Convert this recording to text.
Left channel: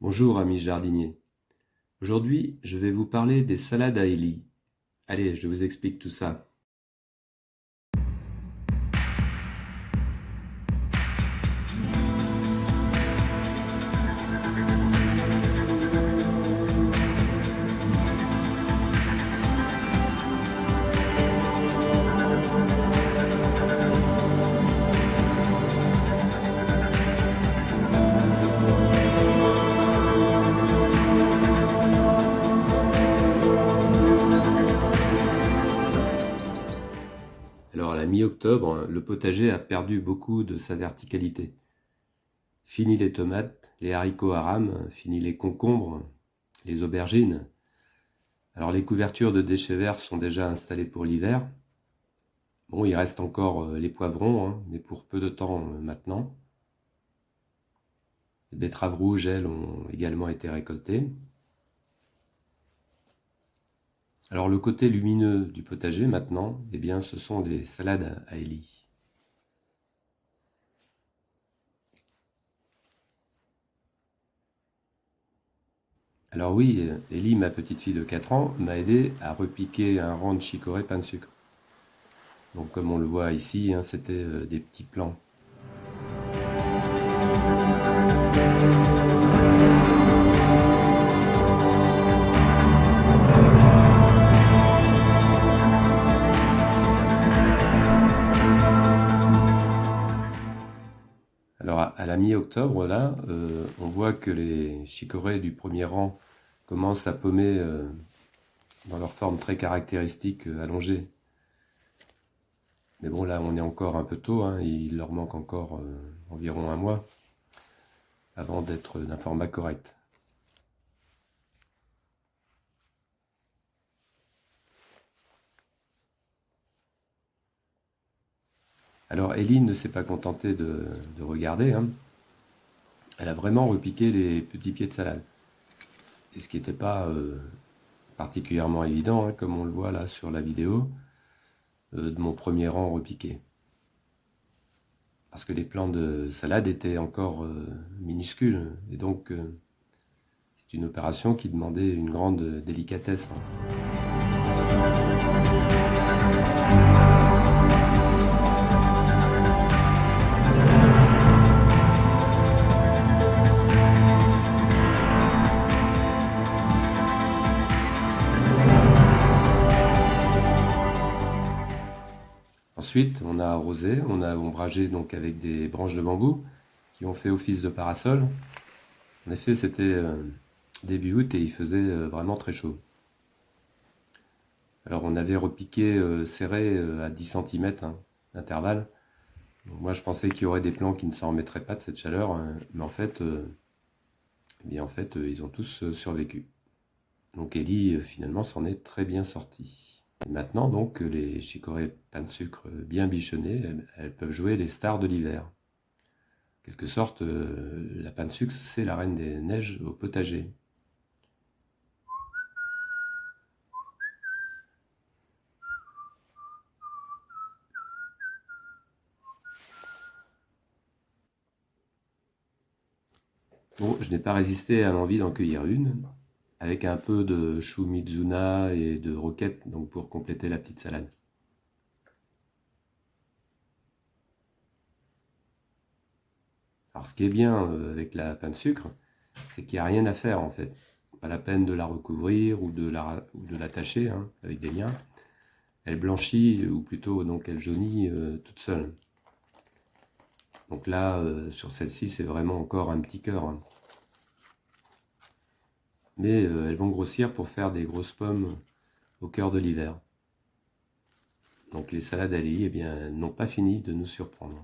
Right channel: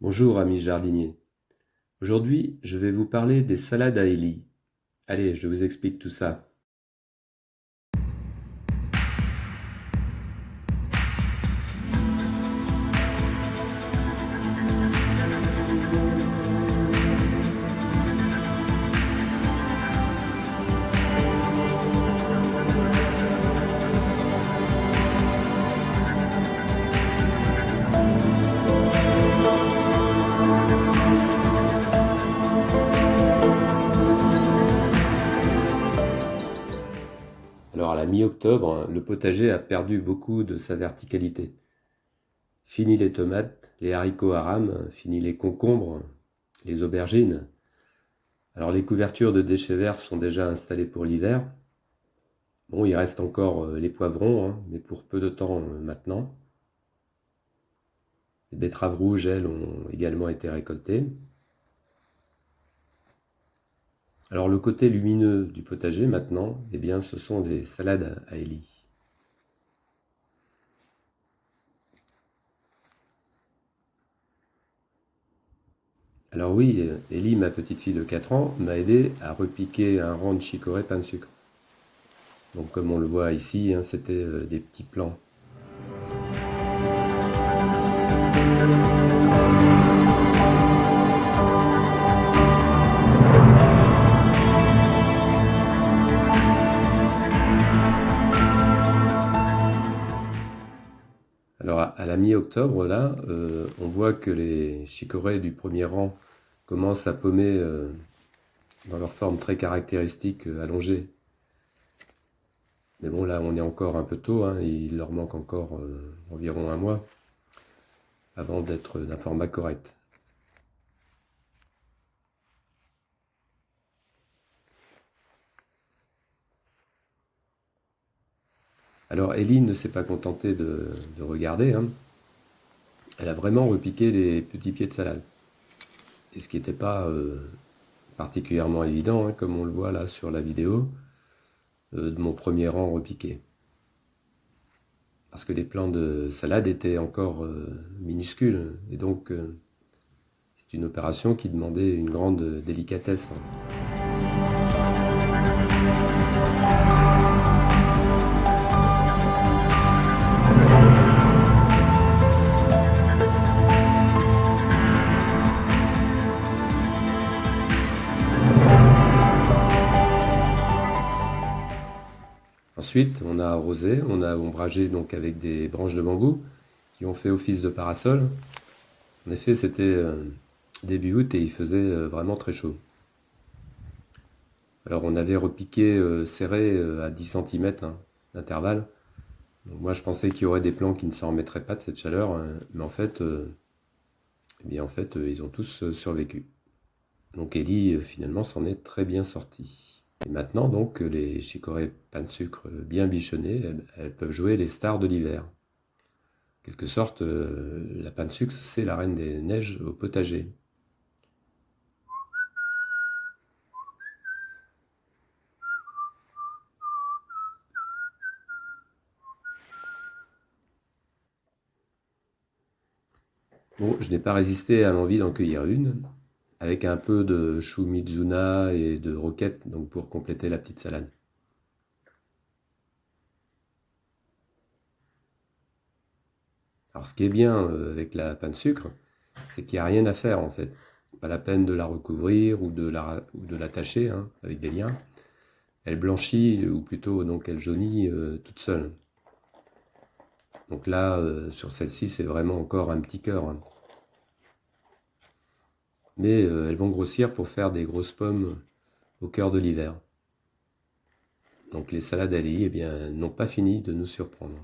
Bonjour amis jardiniers. Aujourd'hui, je vais vous parler des salades à Élie. Allez, je vous explique tout ça. Alors à la mi-octobre, le potager a perdu beaucoup de sa verticalité. Fini les tomates, les haricots à rames, fini les concombres, les aubergines. Alors les couvertures de déchets verts sont déjà installées pour l'hiver. Bon, il reste encore les poivrons, mais pour peu de temps maintenant. Les betteraves rouges, elles, ont également été récoltées. Alors le côté lumineux du potager maintenant, eh bien, ce sont des salades à Élie. Alors oui, Élie, ma petite fille de 4 ans, m'a aidé à repiquer un rang de chicorée pain de sucre. Donc comme on le voit ici, c'était des petits plants. Alors à la mi-octobre, là, on voit que les chicorées du premier rang commencent à pommer dans leur forme très caractéristique allongée. Mais bon, là, on est encore un peu tôt, il leur manque encore environ un mois avant d'être d'un format correct. Alors Ellie ne s'est pas contentée de regarder, Elle a vraiment repiqué les petits pieds de salade. Et ce qui n'était pas particulièrement évident, comme on le voit là sur la vidéo, de mon premier rang repiqué. Parce que les plants de salade étaient encore minuscules, et donc c'est une opération qui demandait une grande délicatesse. Ensuite, on a arrosé, on a ombragé donc avec des branches de bambou qui ont fait office de parasol. En effet, c'était début août et il faisait vraiment très chaud. Alors on avait repiqué serré à 10 cm d'intervalle. Donc moi je pensais qu'il y aurait des plants qui ne s'en remettraient pas de cette chaleur, mais en fait, ils ont tous survécu. Donc Ellie finalement s'en est très bien sortie. Et maintenant donc les chicorées pain de sucre bien bichonnées, elles peuvent jouer les stars de l'hiver. En quelque sorte, la pain de sucre c'est la reine des neiges au potager. Bon, je n'ai pas résisté à l'envie d'en cueillir une, avec un peu de chou Mizuna et de roquette, donc pour compléter la petite salade. Alors ce qui est bien avec la pain de sucre, c'est qu'il n'y a rien à faire en fait. Pas la peine de la recouvrir ou de l'attacher avec des liens. Elle blanchit, ou plutôt donc elle jaunit toute seule. Donc là, sur celle-ci, c'est vraiment encore un petit cœur. Mais elles vont grossir pour faire des grosses pommes au cœur de l'hiver. Donc les salades à Élie, eh bien, n'ont pas fini de nous surprendre.